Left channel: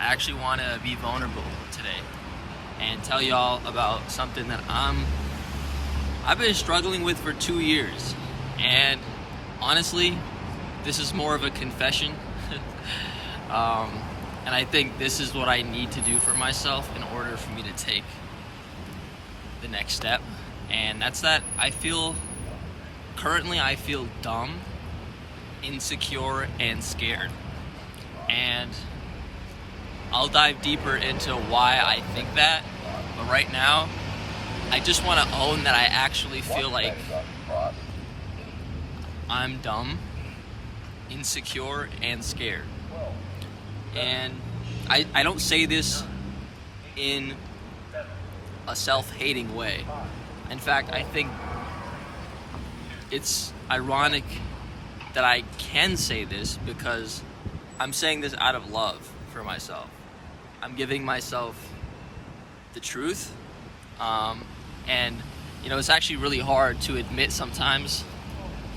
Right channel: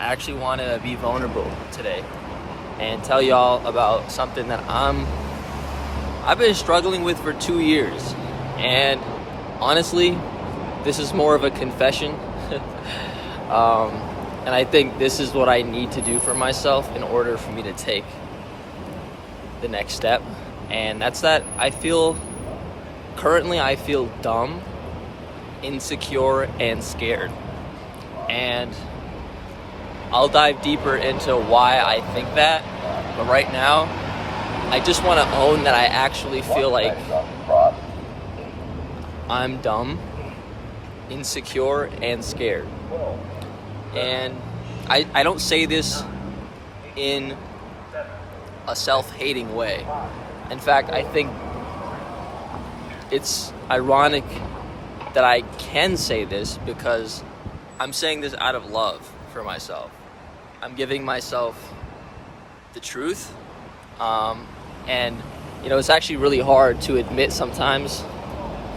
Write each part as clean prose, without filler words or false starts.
I actually want to be vulnerable today and tell y'all about something that I've been struggling with for 2 years. And honestly, this is more of a confession. And I think this is what I need to do for myself in order for me to take the next step. And that's that I feel dumb, insecure, and scared. And I'll dive deeper into why I think that. But right now, I just want to own that I actually feel like I'm dumb, insecure, and scared. And I don't say this in a self-hating way. In fact, I think it's ironic that I can say this because I'm saying this out of love for myself. I'm giving myself the truth. And, it's actually really hard to admit sometimes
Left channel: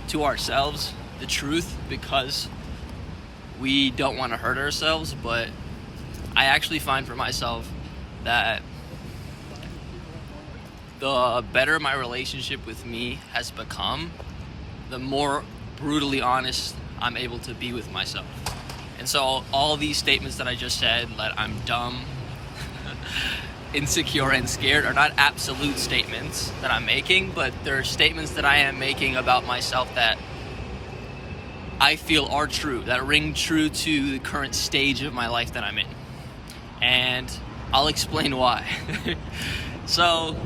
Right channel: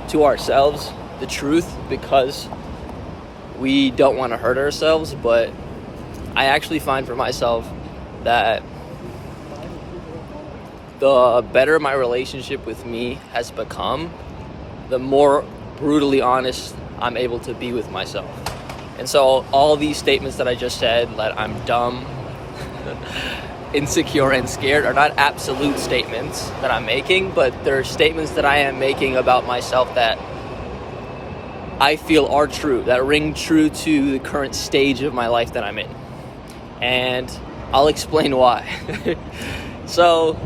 to ourselves the truth because we don't want to hurt ourselves. But I actually find for myself that the better my relationship with me has become, the more brutally honest I'm able to be with myself. And so all these statements that I just said, that I'm dumb, insecure, and scared, are not absolute statements that I'm making, but they're statements that I am making about myself that I feel are true, that ring true to the current stage of my life that I'm in. And I'll explain why. So,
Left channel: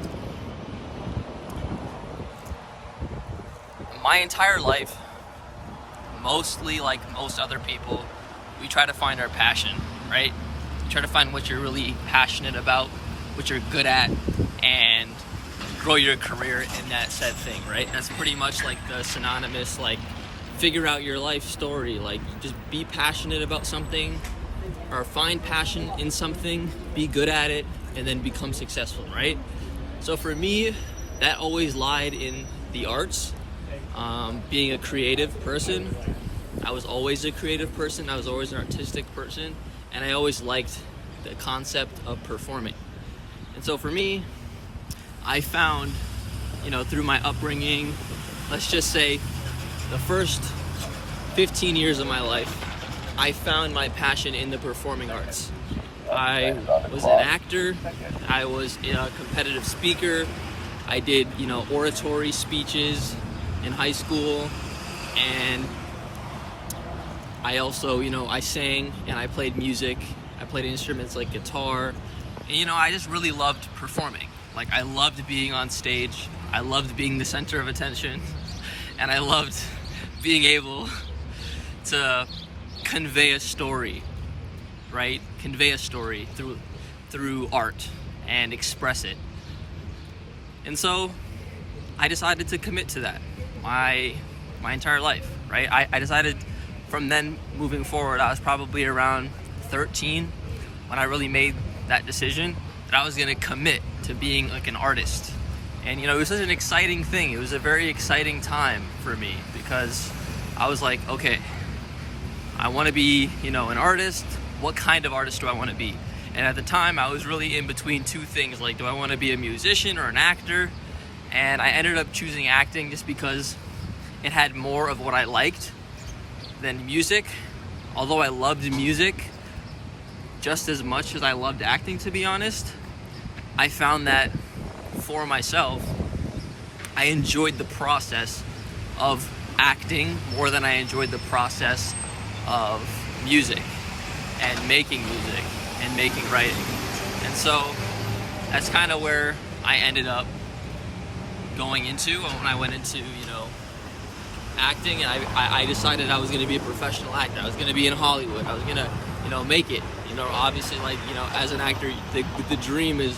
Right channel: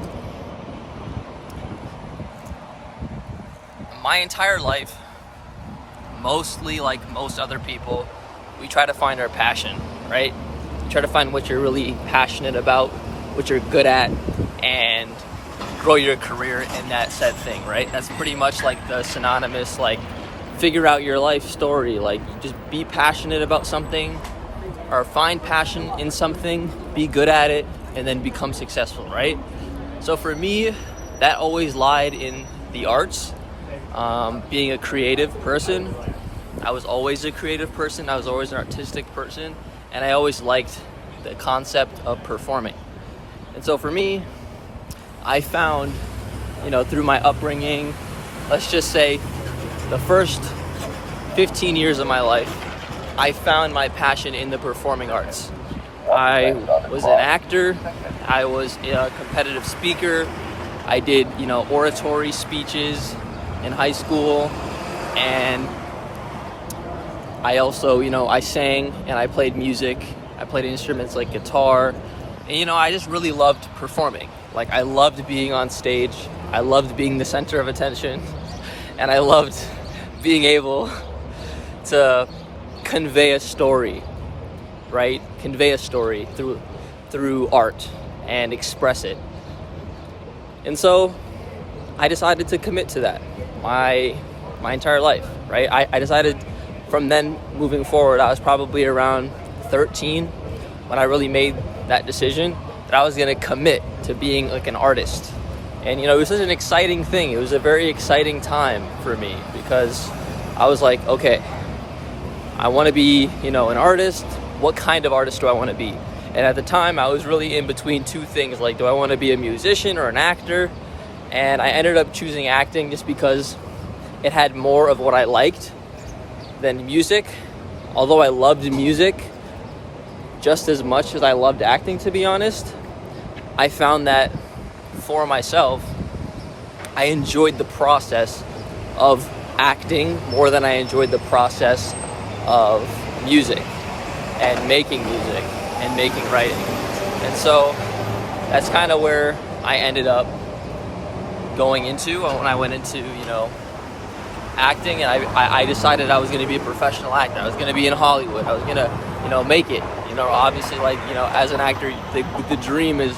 my entire life, mostly like most other people, we try to find our passion, right? You try to find what you're really passionate about, what you're good at, and grow your career in that said thing, right? That's pretty much like the synonymous, like, figure out your life story. Like, just be passionate about something, or find passion in something, be good at it, and then become successful, right? So for me, that always lied in the arts. Being a creative person, I was always a creative person. I was always an artistic person, and I always liked the concept of performing. And so for me, I found, through my upbringing, let's just say the first 15 years of my life, I found my passion in the performing arts. I was an actor. I was a competitive speaker. I did, oratory speeches in high school, and I also, I sang and I played music. I played instruments like guitar, and I just really loved performing. Like, I loved being on stage. I loved being the center of attention, and I loved being able to convey a story, right? Convey a story through art and express it. And so I decided to commit to that my entire life, right? I decided from then moving forward, I was probably around 13 when I really made that decision that I was going to commit to being like an artist. And it was such an exciting thing. It was a very exciting time for me because I was like, okay, I want to be, an artist. What kind of artist do I want to be? And at the time, I was really in between two things. Like, do I want to be a musician or an actor? And I ended up choosing acting just because it had more of what I liked than music. Although I loved music just as much as I loved acting, to be honest, I found that for myself, I enjoyed the process of acting more than I enjoyed the process of music and making music and making writing. And so that's kind of where I ended up going into when I went into, acting, and I decided I was going to be a professional actor. I was going to be in Hollywood. I was going to, make it. Obviously, like, as an actor, the dream is,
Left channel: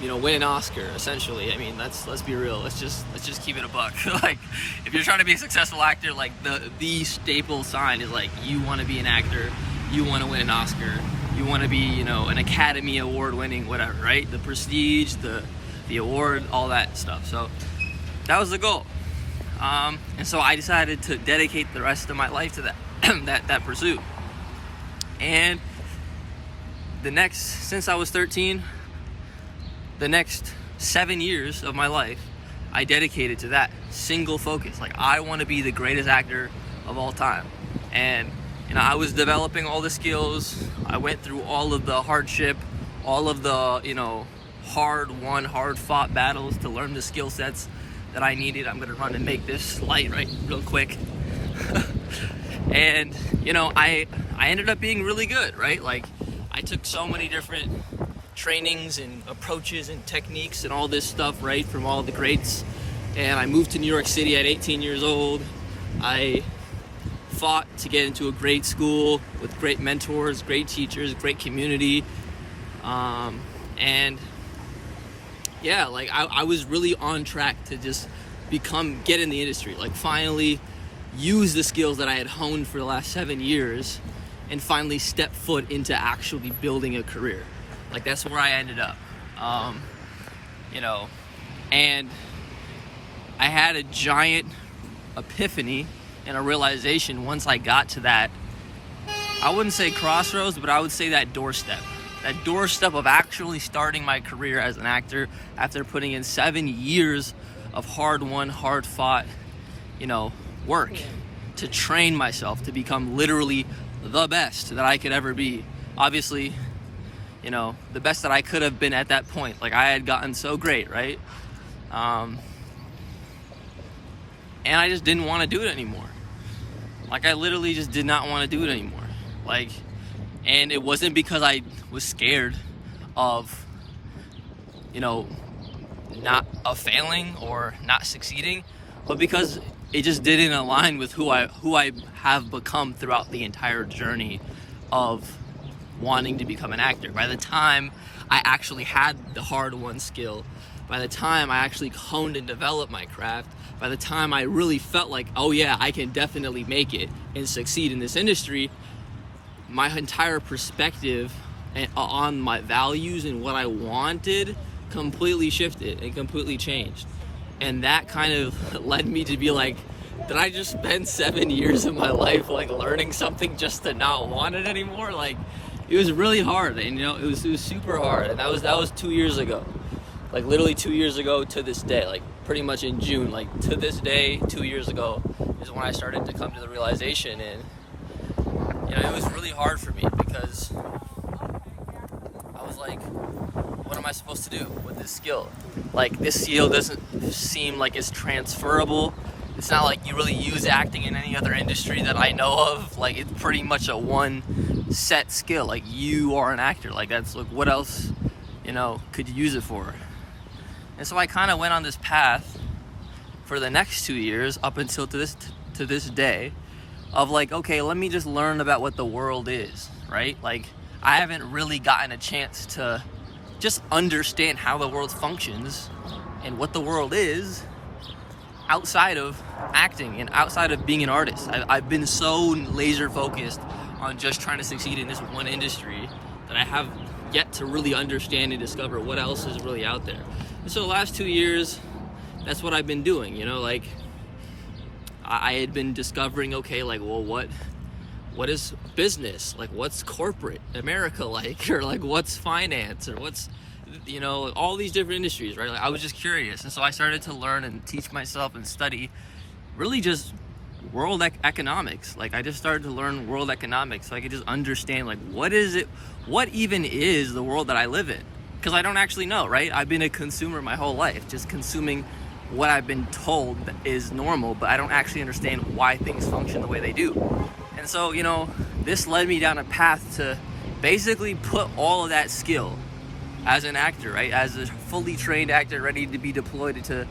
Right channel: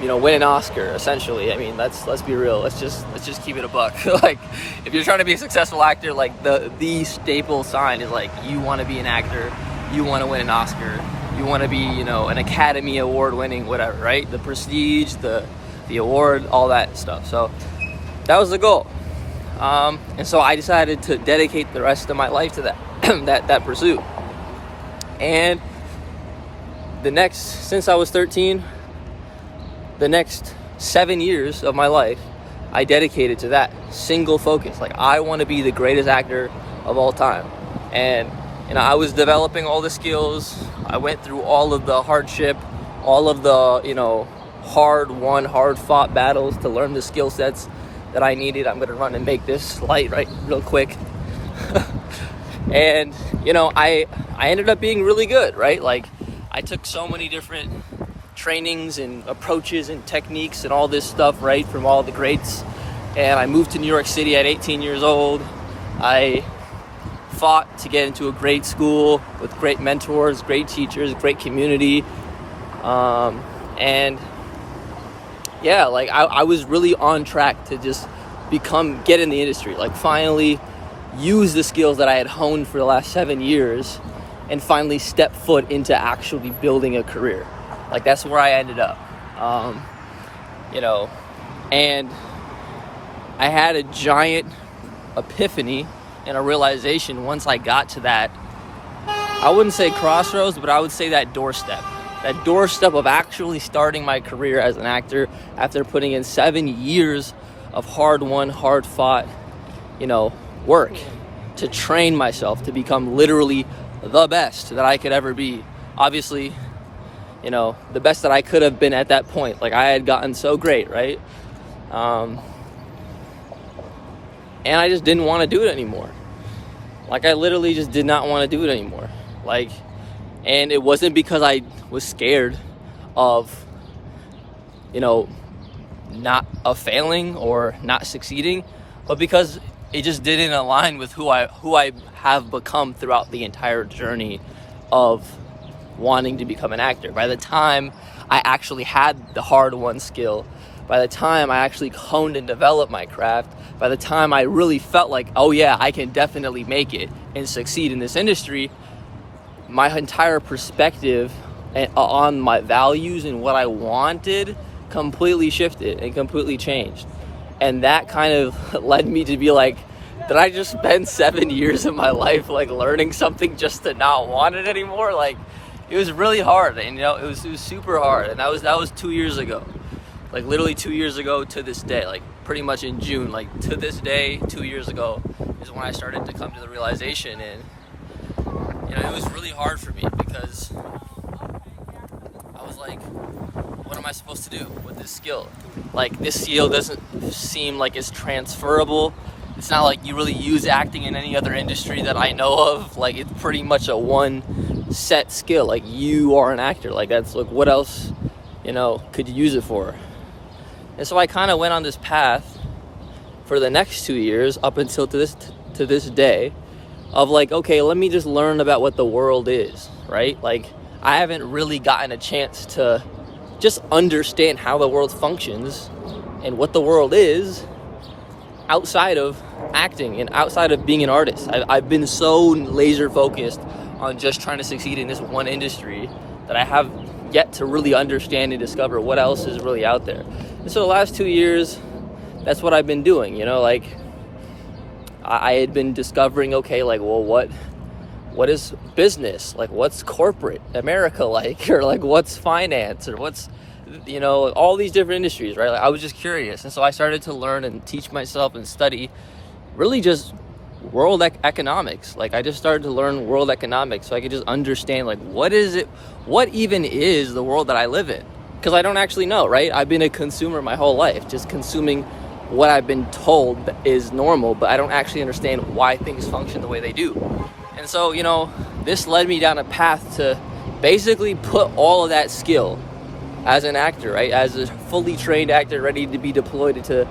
win an Oscar, essentially. I mean, let's be real. Let's just keep it a buck. Like, if you're trying to be a successful actor, like, the staple sign is, like, you want to be an actor, you want to win an Oscar, you want to be, an Academy Award winning whatever, right? The prestige, the award, all that stuff. So that was the goal. And so I decided to dedicate the rest of my life to that that pursuit. And since I was 13, the next 7 years of my life, I dedicated to that single focus. Like, I want to be the greatest actor of all time. And, I was developing all the skills. I went through all of the hardship, all of the, hard-won, hard-fought battles to learn the skill sets that I needed. I'm going to run and make this light real quick. And, I ended up being really good, right? Like, I took so many different trainings and approaches and techniques and all this stuff, right, from all the greats. And I moved to New York City at 18 years old. I fought to get into a great school with great mentors, great teachers, great community. And yeah, like I was really on track to just get in the industry, like finally use the skills that I had honed for the last 7 years and finally step foot into actually building a career. Like, that's where I ended up. And I had a giant epiphany and a realization once I got to that, I wouldn't say crossroads, but I would say that doorstep of actually starting my career as an actor after putting in 7 years of hard-won, hard-fought, work to train myself to become literally the best that I could ever be. Obviously, the best that I could have been at that point. Like, I had gotten so great, right? And I just didn't want to do it anymore. Like, I literally just did not want to do it anymore. Like, and it wasn't because I was scared of, not failing or not succeeding, but because it just didn't align with who I have become throughout the entire journey of wanting to become an actor. By the time I actually had the hard-won skill, by the time I actually honed and developed my craft, by the time I really felt like, oh yeah, I can definitely make it and succeed in this industry, my entire perspective on my values and what I wanted completely shifted and completely changed. And that kind of led me to be like, did I just spend 7 years of my life like learning something just to not want it anymore? Like, it was really hard, and it was super hard. And that was 2 years ago, like literally 2 years ago to this day, like pretty much in June, like to this day, 2 years ago is when I started to come to the realization. And it was really hard for me because I was like, what am I supposed to do with this skill? Like, this skill doesn't seem like it's transferable. It's not like you really use acting in any other industry that I know of. Like, it's pretty much a one set skill. Like, you are an actor. Like, that's like, what else, could you use it for? And so I kind of went on this path for the next 2 years up until to this day of like, okay, let me just learn about what the world is, right? Like, I haven't really gotten a chance to just understand how the world functions and what the world is outside of acting and outside of being an artist. I've been so laser focused on just trying to succeed in this one industry that I have yet to really understand and discover what else is really out there. And so the last 2 years, that's what I've been doing, like I had been discovering, okay, like, well, what is business? Like, what's corporate America like? Or like, what's finance? Or what's, all these different industries, right? Like, I was just curious. And so I started to learn and teach myself and study really just world economics. Like, I just started to learn world economics so I could just understand, like, what even is the world that I live in? Because I don't actually know, right? I've been a consumer my whole life, just consuming what I've been told is normal, but I don't actually understand why things function the way they do. And so, this led me down a path to basically put all of that skill as an actor, right? As a fully trained actor ready to be deployed into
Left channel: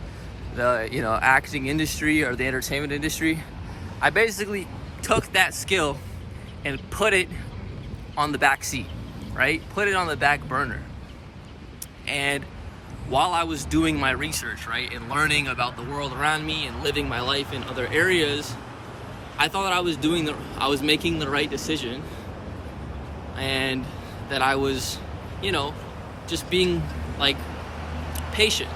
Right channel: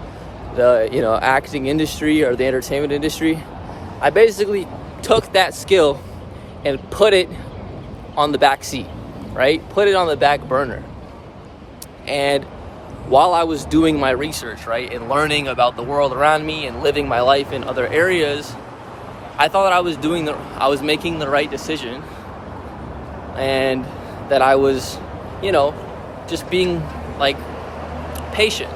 the, acting industry or the entertainment industry. I basically took that skill and put it on the back seat, right? Put it on the back burner. And while I was doing my research, right, and learning about the world around me and living my life in other areas, I thought I was making the right decision, and that I was, just being like patient,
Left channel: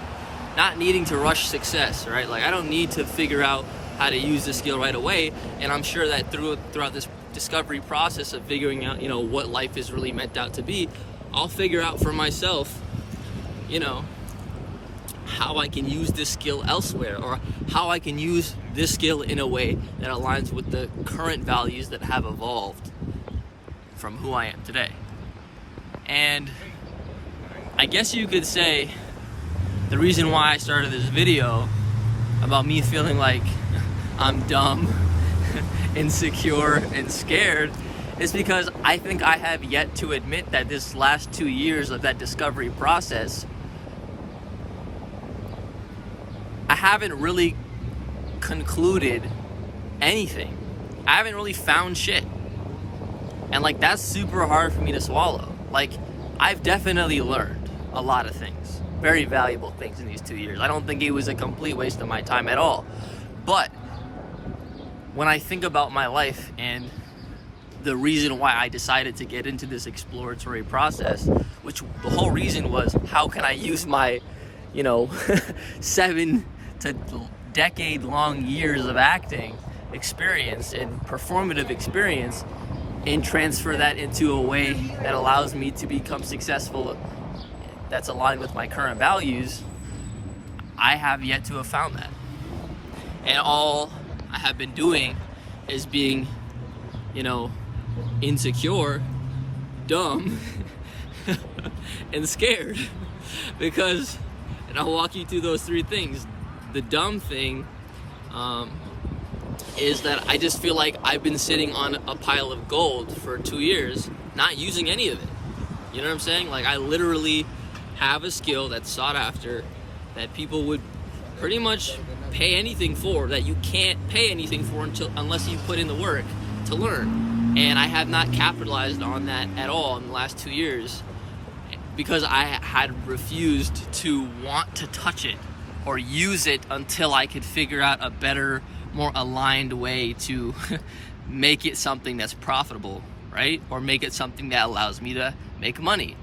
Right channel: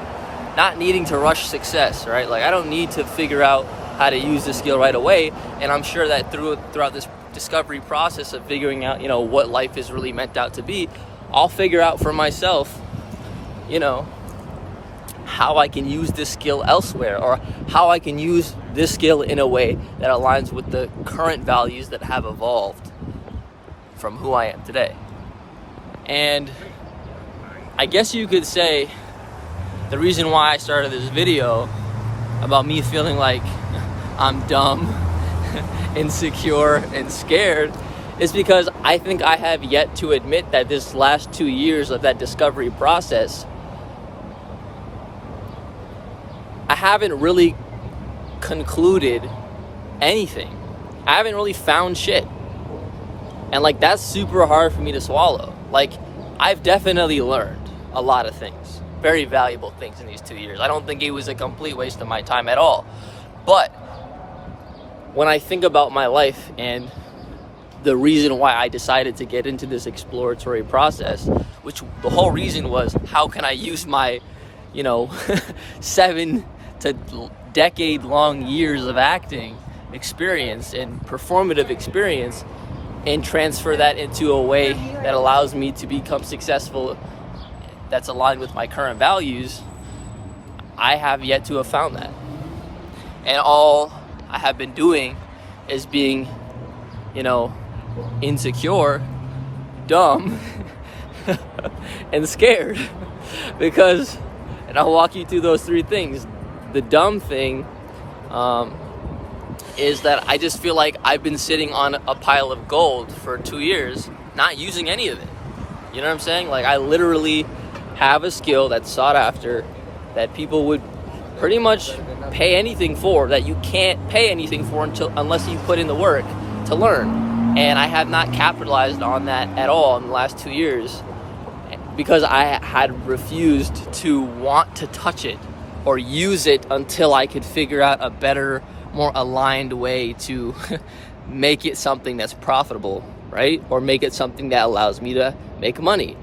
not needing to rush success, right? Like, I don't need to figure out how to use the skill right away. And I'm sure that throughout this discovery process of figuring out, what life is really meant out to be, I'll figure out for myself, how I can use this skill elsewhere, or how I can use this skill in a way that aligns with the current values that have evolved from who I am today. And I guess you could say the reason why I started this video about me feeling like I'm dumb, insecure, and scared is because I think I have yet to admit that this last 2 years of that discovery process, I haven't really concluded anything. I haven't really found shit. And like, that's super hard for me to swallow. Like, I've definitely learned a lot of things, very valuable things in these 2 years. I don't think it was a complete waste of my time at all. But when I think about my life and the reason why I decided to get into this exploratory process, which the whole reason was, how can I use my, 7 to decade-long years of acting experience and performative experience and transfer that into a way that allows me to become successful, that's aligned with my current values. I have yet to have found that. And all I have been doing is being, insecure, dumb, and scared. Because, and I'll walk you through those 3 things. The dumb thing is that I just feel like I've been sitting on a pile of gold for 2 years, not using any of it. You know what I'm saying? Like, I literally have a skill that's sought after, that people would pretty much pay anything for, that you can't pay anything for unless you put in the work to learn. And I have not capitalized on that at all in the last 2 years because I had refused to want to touch it or use it until I could figure out a better, more aligned way to make it something that's profitable, right? Or make it something that allows me to make money.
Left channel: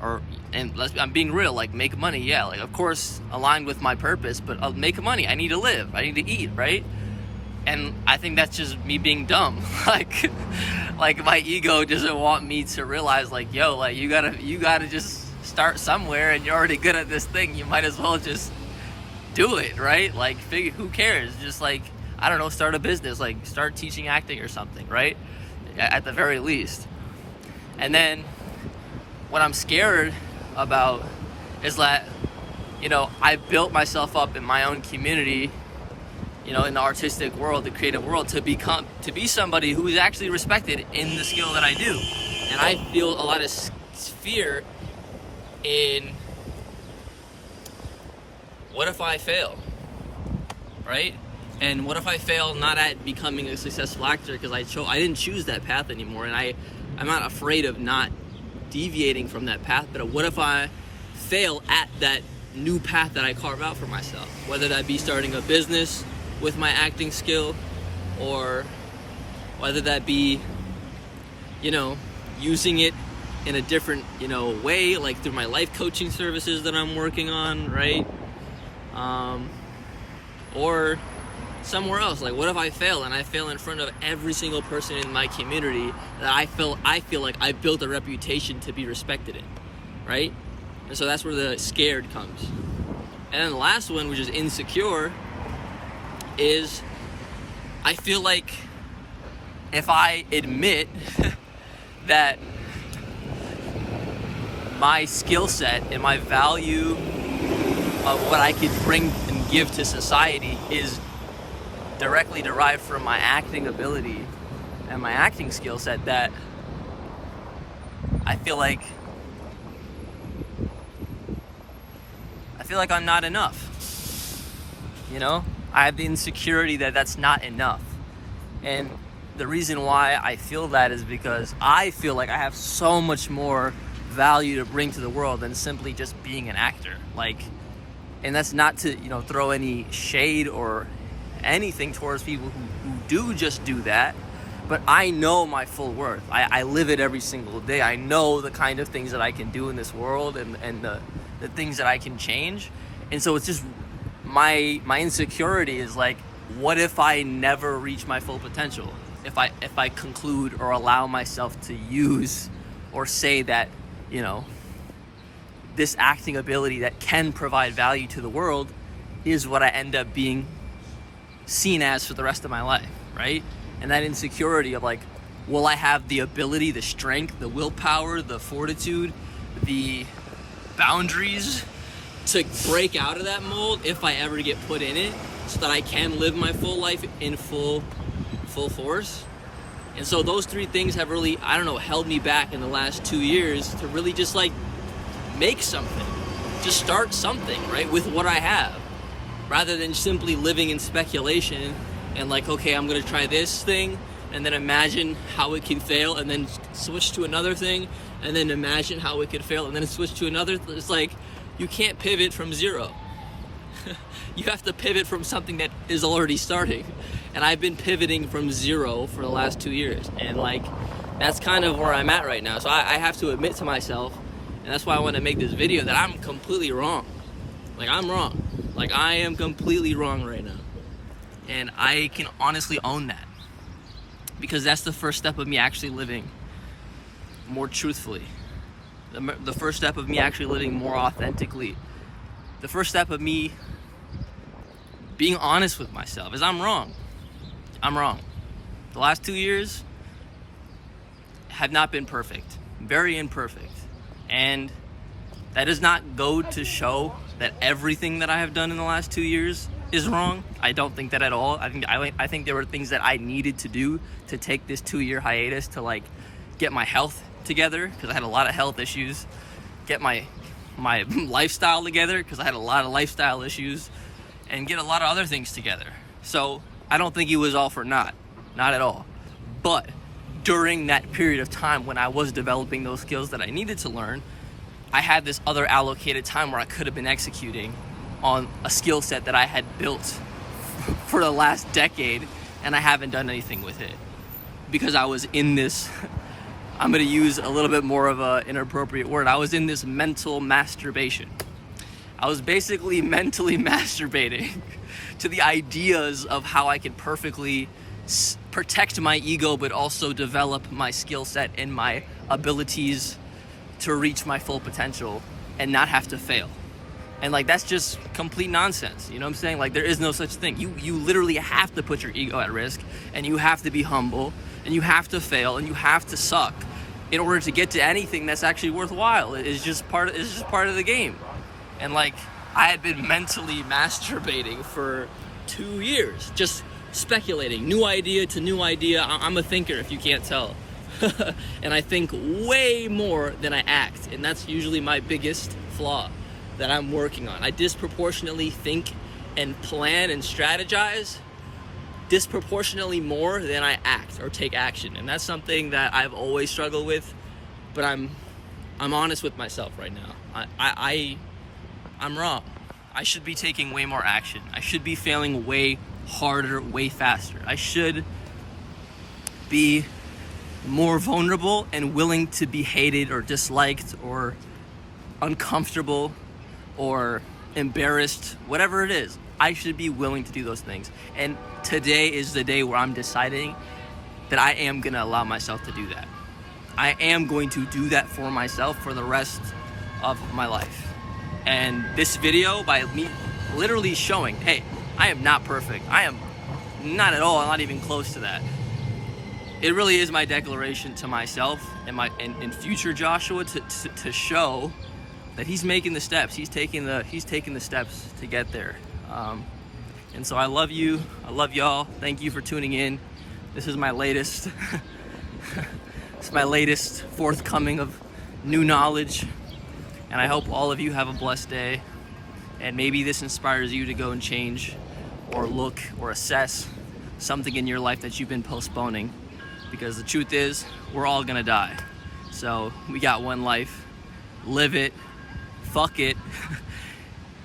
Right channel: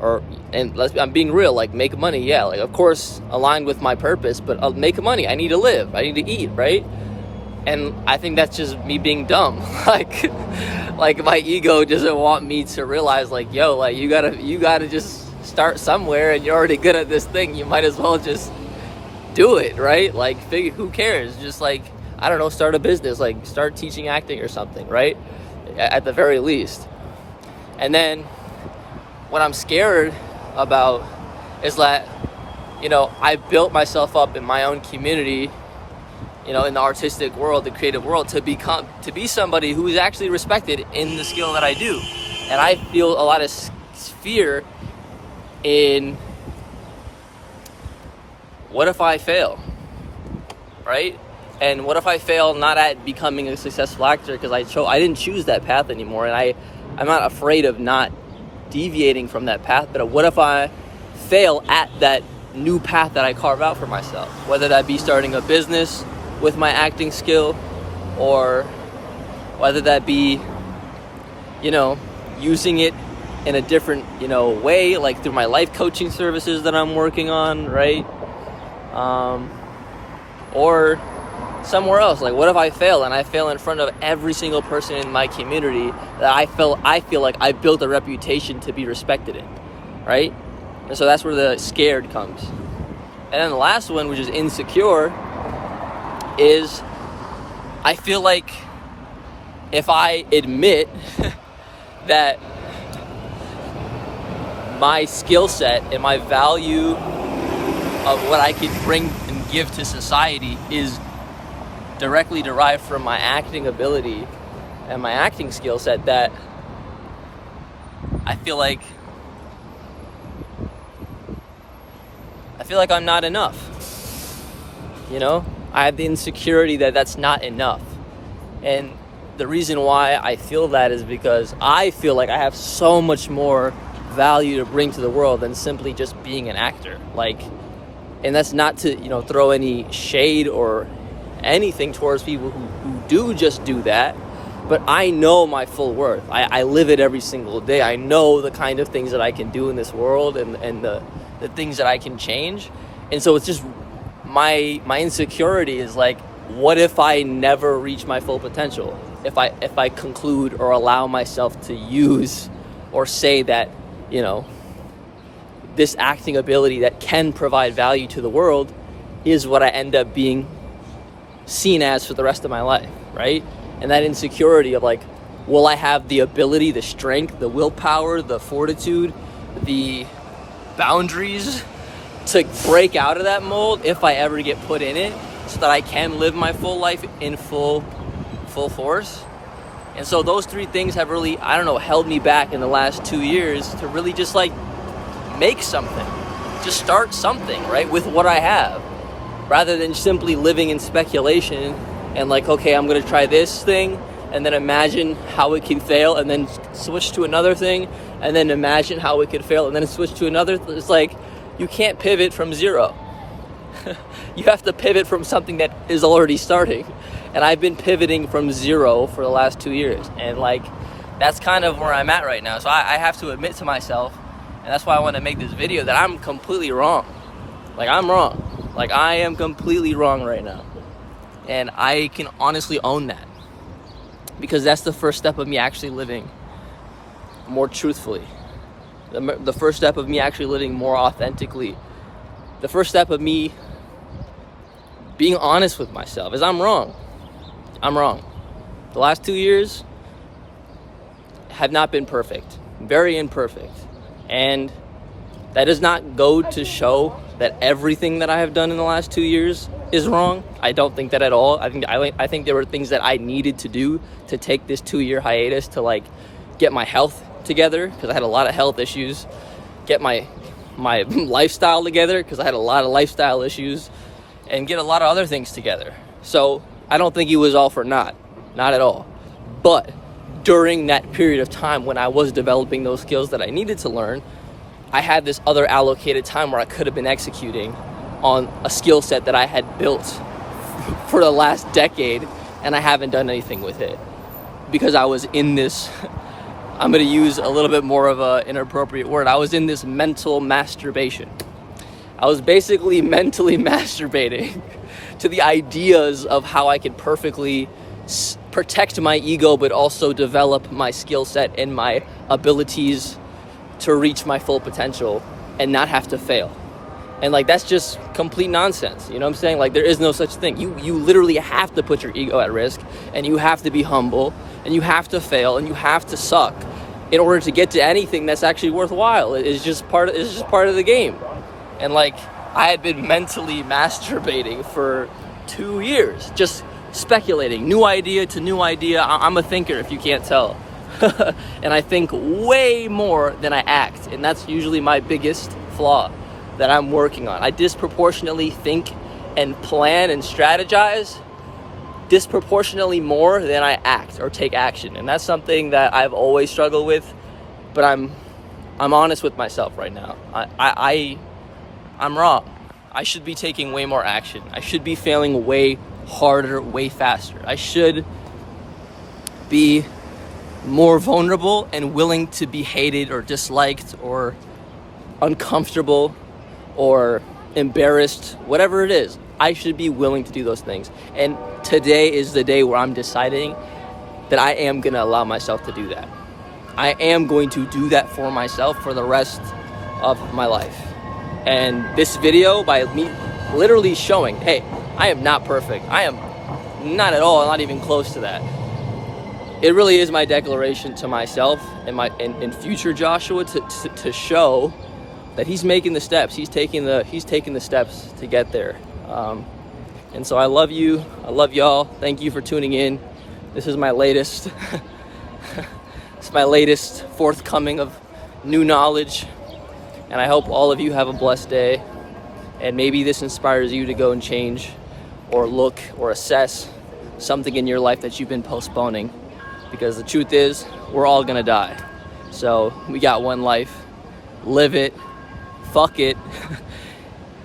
I'm being real, like, make money, yeah, like, of course, aligned with my purpose, but I'll make money. I need to live. I need to eat, right? And I think that's just me being dumb. like my ego doesn't want me to realize, like, yo, like, you gotta just start somewhere, and you're already good at this thing. You might as well just do it, right? Like, who cares? Just, like, I don't know, start a business, like, start teaching acting or something, right? At the very least. And then what I'm scared about is that, I built myself up in my own community, in the artistic world, the creative world, to be somebody who is actually respected in the skill that I do. And I feel a lot of fear in, what if I fail, right? And what if I fail not at becoming a successful actor because I didn't choose that path anymore, and I'm not afraid of not deviating from that path. But what if I fail at that new path that I carve out for myself, whether that be starting a business with my acting skill, or whether that be, using it in a different, way, like through my life coaching services that I'm working on, right? Or somewhere else. Like, what if I fail, and I fail in front of every single person in my community that I feel like I built a reputation to be respected in, right? And so that's where the scared comes. And then the last one, which is insecure, is I feel like if I admit that my skill set and my value of what I could bring and give to society is directly derived from my acting ability and my acting skill set, that I feel like I'm not enough. I have the insecurity that that's not enough. And the reason why I feel that is because I feel like I have so much more value to bring to the world than simply just being an actor. Like, and that's not to, throw any shade or anything towards people who do just do that, but I know my full worth. I live it every single day. I know the kind of things that I can do in this world and the things that I can change. And so it's just my insecurity is like, what if I never reach my full potential? if I conclude or allow myself to use or say that, you know, this acting ability that can provide value to the world is what I end up being seen as for the rest of my life, right? And that insecurity of like, will I have the ability, the strength, the willpower, the fortitude, the boundaries to break out of that mold if I ever get put in it, so that I can live my full life in full force? And so those three things have really, I don't know, held me back in the last 2 years to really just like make something, just start something, right, with what I have, rather than simply living in speculation and like, okay, I'm gonna try this thing and then imagine how it can fail and then switch to another thing and then imagine how it could fail and then switch to another. It's like, you can't pivot from zero. You have to pivot from something that is already starting. And I've been pivoting from zero for the last 2 years. And like, that's kind of where I'm at right now. So I have to admit to myself, and that's why I want to make this video, that I'm completely wrong. Like, I'm wrong. Like, I am completely wrong right now. And I can honestly own that, because that's the first step of me actually living more truthfully. The first step of me actually living more authentically. The first step of me being honest with myself is I'm wrong. I'm wrong. The last 2 years have not been perfect. Very imperfect. And that does not go to show that everything that I have done in the last 2 years is wrong. I don't think that at all. I think there were things that I needed to do to take this 2-year hiatus to like get my health together, because I had a lot of health issues, get my lifestyle together, because I had a lot of lifestyle issues, and get a lot of other things together. So I don't think it was all for naught, not at all. But during that period of time when I was developing those skills that I needed to learn, I had this other allocated time where I could have been executing on a skill set that I had built for the last decade, and I haven't done anything with it because I was in this, I'm going to use a little bit more of an inappropriate word, I was in this mental masturbation. I was basically mentally masturbating to the ideas of how I could perfectly protect my ego, but also develop my skill set and my abilities to reach my full potential and not have to fail. And like, that's just complete nonsense. You know what I'm saying? Like, there is no such thing. You literally have to put your ego at risk, and you have to be humble, and you have to fail, and you have to suck in order to get to anything that's actually worthwhile. It's just part of the game. And like, I had been mentally masturbating for 2 years, just speculating, new idea to new idea. I'm a thinker, if you can't tell. And I think way more than I act, and that's usually my biggest flaw that I'm working on. I disproportionately think and plan and strategize disproportionately more than I act or take action. And that's something that I've always struggled with, but I'm honest with myself right now. I'm wrong. I should be taking way more action. I should be failing way harder, way faster. I should be more vulnerable and willing to be hated or disliked or uncomfortable or embarrassed, whatever it is. I should be willing to do those things. And today is the day where I'm deciding that I am going to allow myself to do that. I am going to do that for myself for the rest of my life. And this video, by me literally showing, hey, I am not perfect. I am not at all, not even close to that. It really is my declaration to myself and future Joshua to show that he's making the steps. He's taking the steps to get there. And so I love you. I love y'all. Thank you for tuning in. This is my latest it's my latest forthcoming of new knowledge. And I hope all of you have a blessed day. And maybe this inspires you to go and change or look or assess something in your life that you've been postponing. Because the truth is, we're all gonna die. So we got one life. Live it. Fuck it.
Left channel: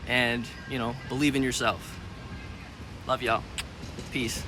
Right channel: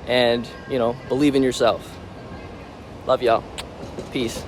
And, believe in yourself. Love y'all. Peace.